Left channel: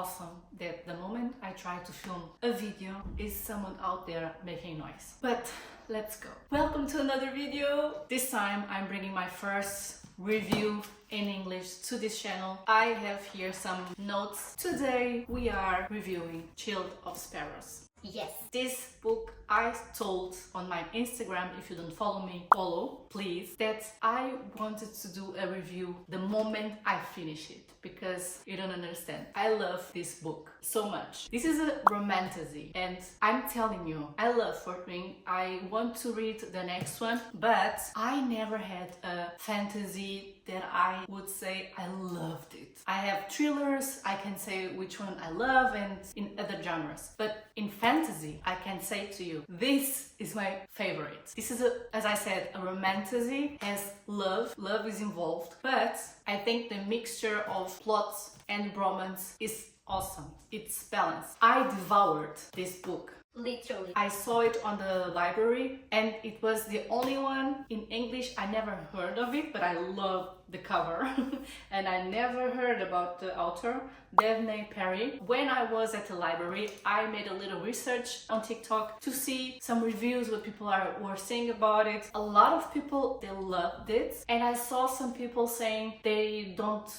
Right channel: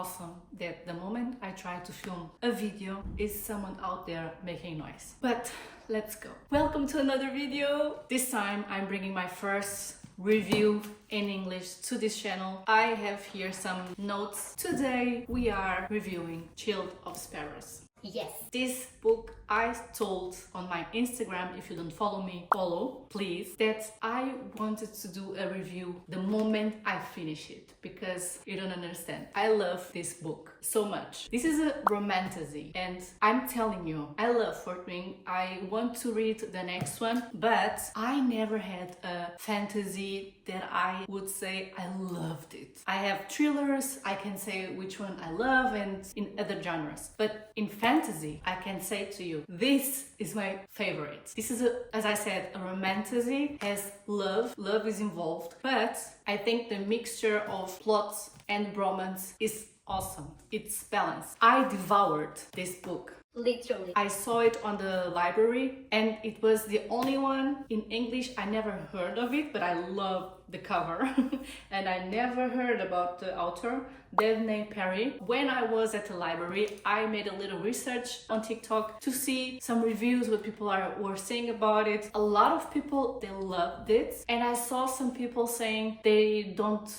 awesome that the moment I try to film a video is someone out there making noise. But let's go. Welcome to another video. This time I'm bringing my first review in English to this channel. I have here some notes. Today we are reviewing Child of Sparrows. Yes. This book I told on my Instagram, if you don't follow me, follow please, that I wanted to do a review the moment I finish it, because you don't understand. I love this book so much. This is a romantasy and I'm telling you, I love 14. I want to read the next one, but I never had a fantasy that I would say I loved it. I have thrillers, I can say which one I love, and in other genres, but in fantasy I can say to you, this is my favorite. This is as I said, a romantasy, has love is involved, but I think the mixture of plot and romance is awesome. It's balanced. I devoured this book. Literally. I saw it on the library and it was the only one in English. I never heard of it, but I love the cover and I never heard about the author, Daphne Perry. When I was at the library, I made a little research on TikTok to see some reviews, what people were saying about it. A lot of people, they loved it, and I saw some people saying they don't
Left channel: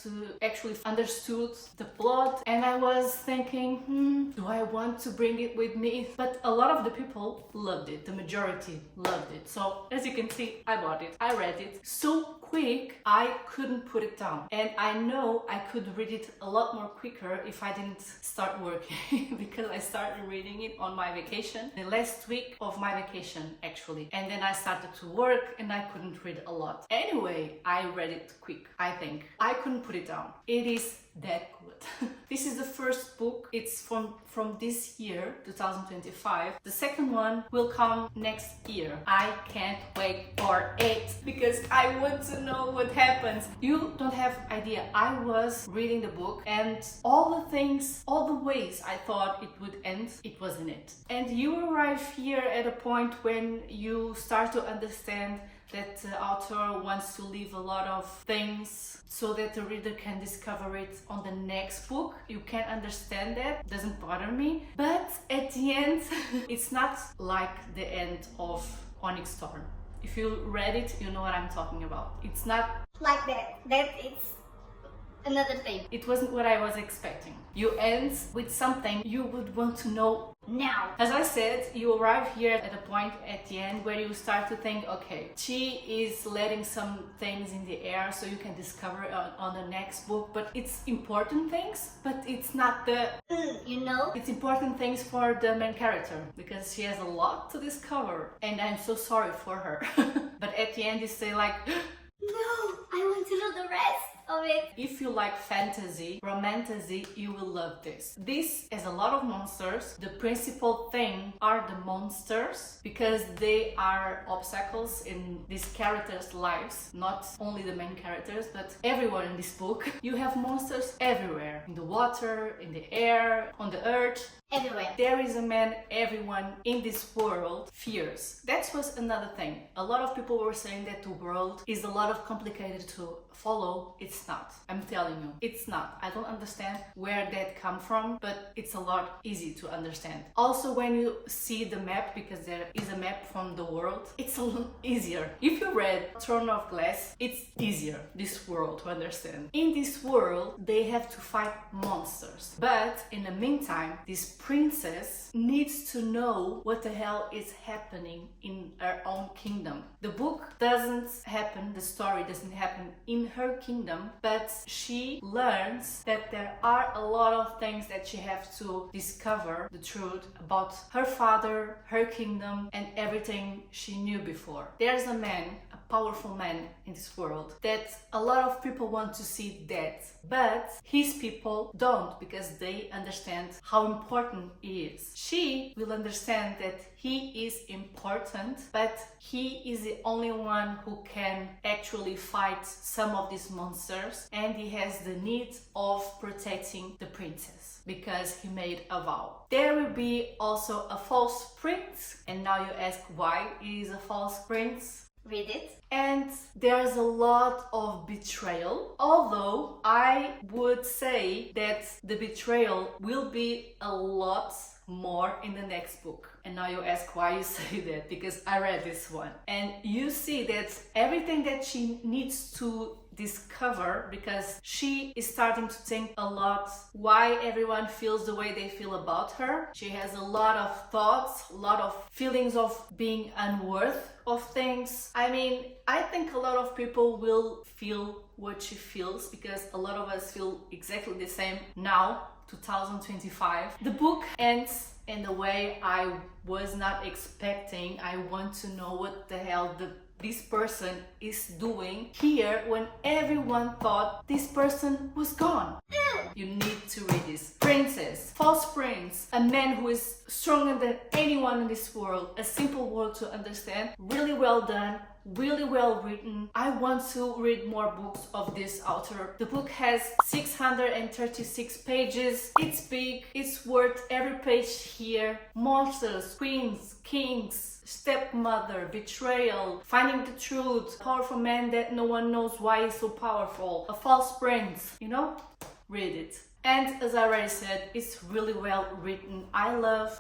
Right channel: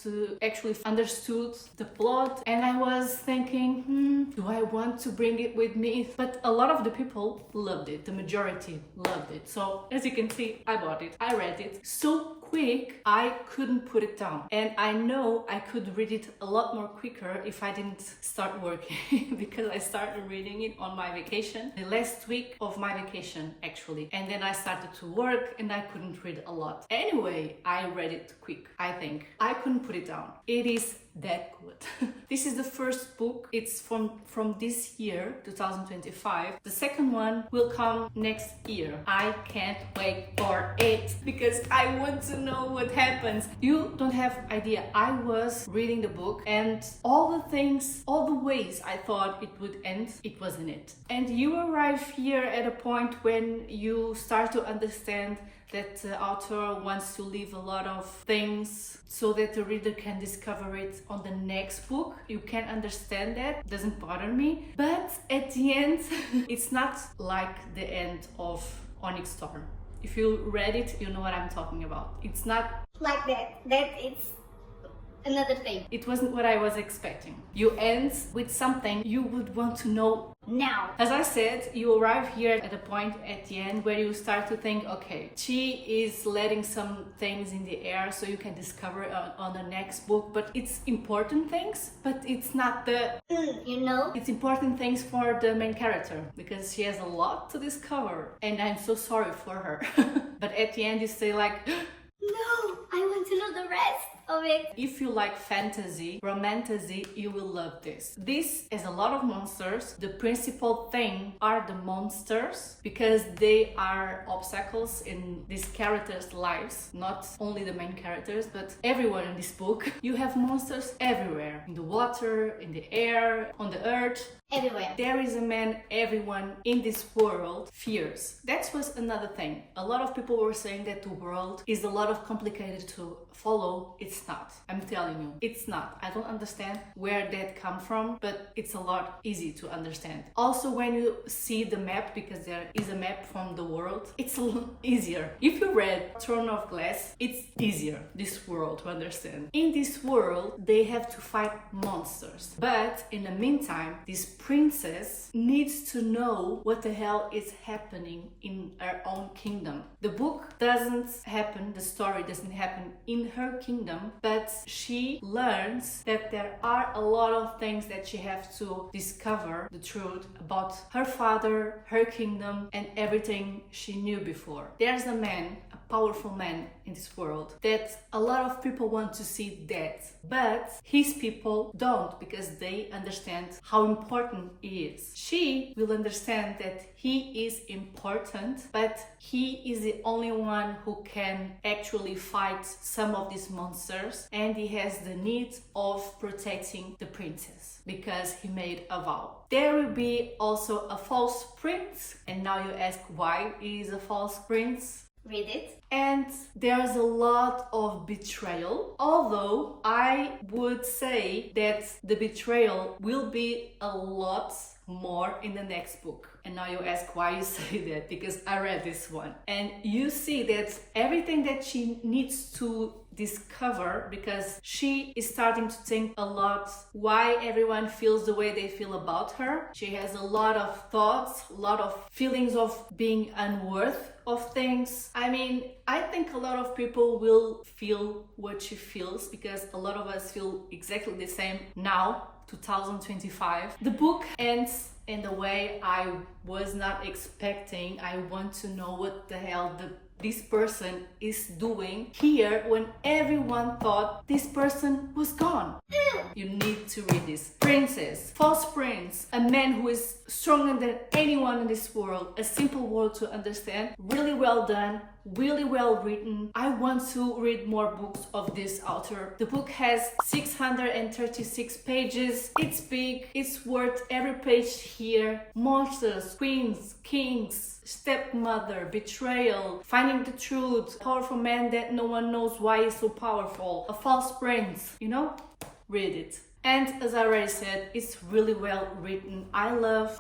actually understood the plot, and I was thinking, do I want to bring it with me? But a lot of the people loved it, the majority loved it. So as you can see, I bought it, I read it so quick, I couldn't put it down. And I know I could read it a lot more quicker if I didn't start working because I started reading it on my vacation, the last week of my vacation actually. And then I started to work and I couldn't read a lot. Anyway, I read it quick, I think. I couldn't put it down. It is that good. This is the first book. It's from this year, 2025. The second one will come next year. I can't wait for it because I want to know what happens. You don't have idea. I was reading the book and all the things, all the ways I thought it would end, it wasn't it. And you arrive here at a point when you start to understand that the author wants to leave a lot of things so that the reader can discover it on the next book. You can understand that, doesn't bother me. But at the end, it's not like the end of Onyx Storm. If you read it, you know what I'm talking about. It's not like that. That it's another thing. It wasn't what I was expecting. You end with something you would want to know now. As I said, you arrive here at a point at the end where you start to think, okay, she is letting some things in the air so you can discover it on the next book, but it's important things, but it's not the, it's important things for the main character because she has a lot to discover and I'm so sorry for her. But at the end you say like, no, I want to know the rest of it. If you like fantasy, romantasy, you will love this. This has a lot of monsters. The principal thing are the monsters because they are obstacles in these characters' lives. Not only the main characters, but everyone in this book. You have monsters everywhere. In the water, in the air, on the earth. Everywhere. There is a man everyone in this world fears. That was another thing. A lot of people were saying that the world is a lot of complicated to follow. It's not. I'm telling you, it's not. I don't understand where that come from, but it's a lot easy to understand. Also, when you see the map, because there is a map from the world, it's a little easier. If you read Throne of Glass, it's easier, this world, to understand. In this world, they have to fight monsters. But in the meantime, this princess needs to know what the hell is happening in her own kingdom. The book doesn't happen, the story doesn't happen in her kingdom, but she learns that there are a lot of things that she has to discover the truth about her father, her kingdom, and everything she knew before. There's a man, a powerful man in this world that a lot of people want to see dead, but his people don't because they understand how important he is. She will understand that he is important, but he is the only one who can actually fight some of these monsters, and he has the need of protecting the princess because he made a vow. There will be also a false prince, and now you ask why he is a false prince. Read it. And there's a lot of betrayal, although I would say that the betrayal will be a lot more in the next book. And now you ask why you say that, because I read this one and you see that everything that she needs to discover, because she is starting to think a lot why everyone feels the way they feel about her. She has a lot of thoughts, a lot of feelings of being unworthy of things. I mean, I think a lot of people will feel what she feels, because a lot of us feel exactly the same now, 2025. The book ends in the way I was not expecting. I want to know what the hell this person is doing here when everyone thought this person was gone. You need to read this. Princess, false prince, a man who is stronger than anyone in this world, a simple word to understand, really well done, really well written. I want to read more books of this author. The book has 636 pages. It's big, it's worth every page here. Monsters, queens, kings, stepmother, betrayal, finding the truth, powerful man that no one knows why he's so powerful, a false prince, you know? Read it. And as I already said, it's really well written. I love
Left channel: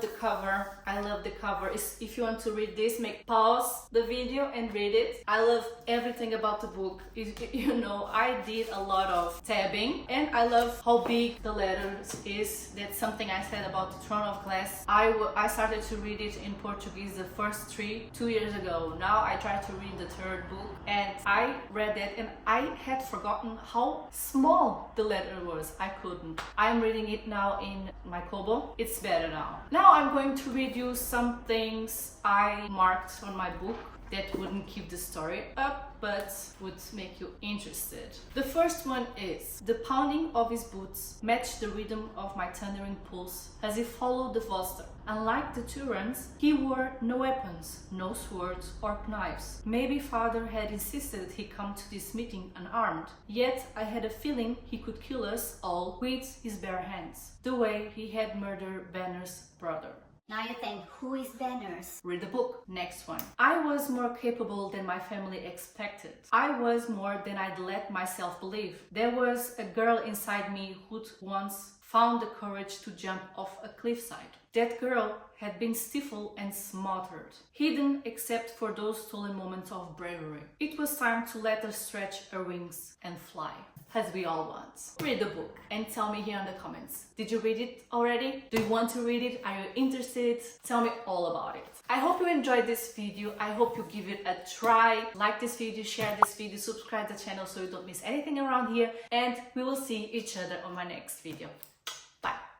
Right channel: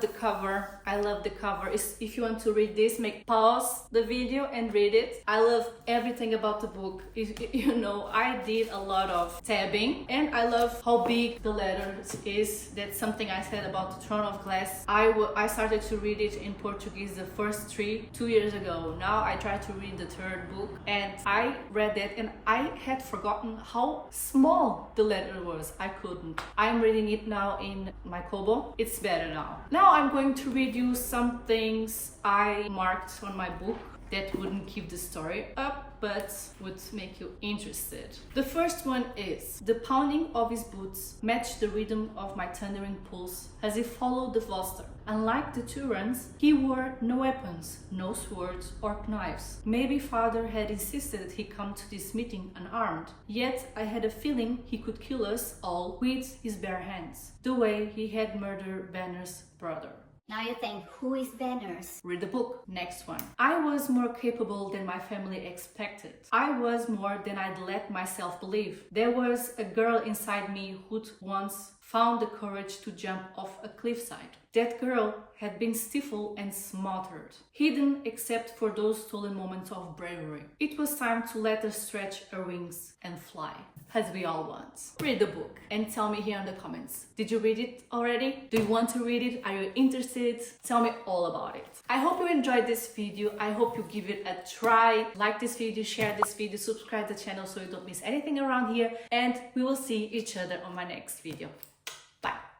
the cover. I love the cover. If you want to read this, pause the video and read it. I love everything about the book. You know, I did a lot of tabbing, and I love how big the letters is. That's something I said about the Throne of Glass. I started to read it in Portuguese, the first 2 years ago. Now I try to read the third book, and I read that and I had forgotten how small the letter was. I couldn't. I'm reading it now in my Kobo. It's better now. Now I'm going to read you some things I marked on my book that wouldn't keep the story up, but would make you interested. The first one is: the pounding of his boots matched the rhythm of my thundering pulse as he followed the vossa. Unlike the Turans, he wore no weapons, no swords or knives. Maybe father had insisted he come to this meeting unarmed. Yet I had a feeling he could kill us all with his bare hands, the way he had murdered Banner's brother. Now you think, who is Banners? Read the book. Next one. I was more capable than my family expected. I was more than I'd let myself believe. There was a girl inside me who'd once found the courage to jump off a cliffside. That girl had been stifled and smothered, hidden except for those stolen moments of bravery. It was time to let her stretch her wings and fly, as we all want. Read the book and tell me here in the comments. Did you read it already? Do you want to read it? Are you interested? Tell me all about it. I hope you enjoyed this video. I hope you give it a try. Like this video, share this video, subscribe to the channel so you don't miss anything around here, and we will see each other on my next video.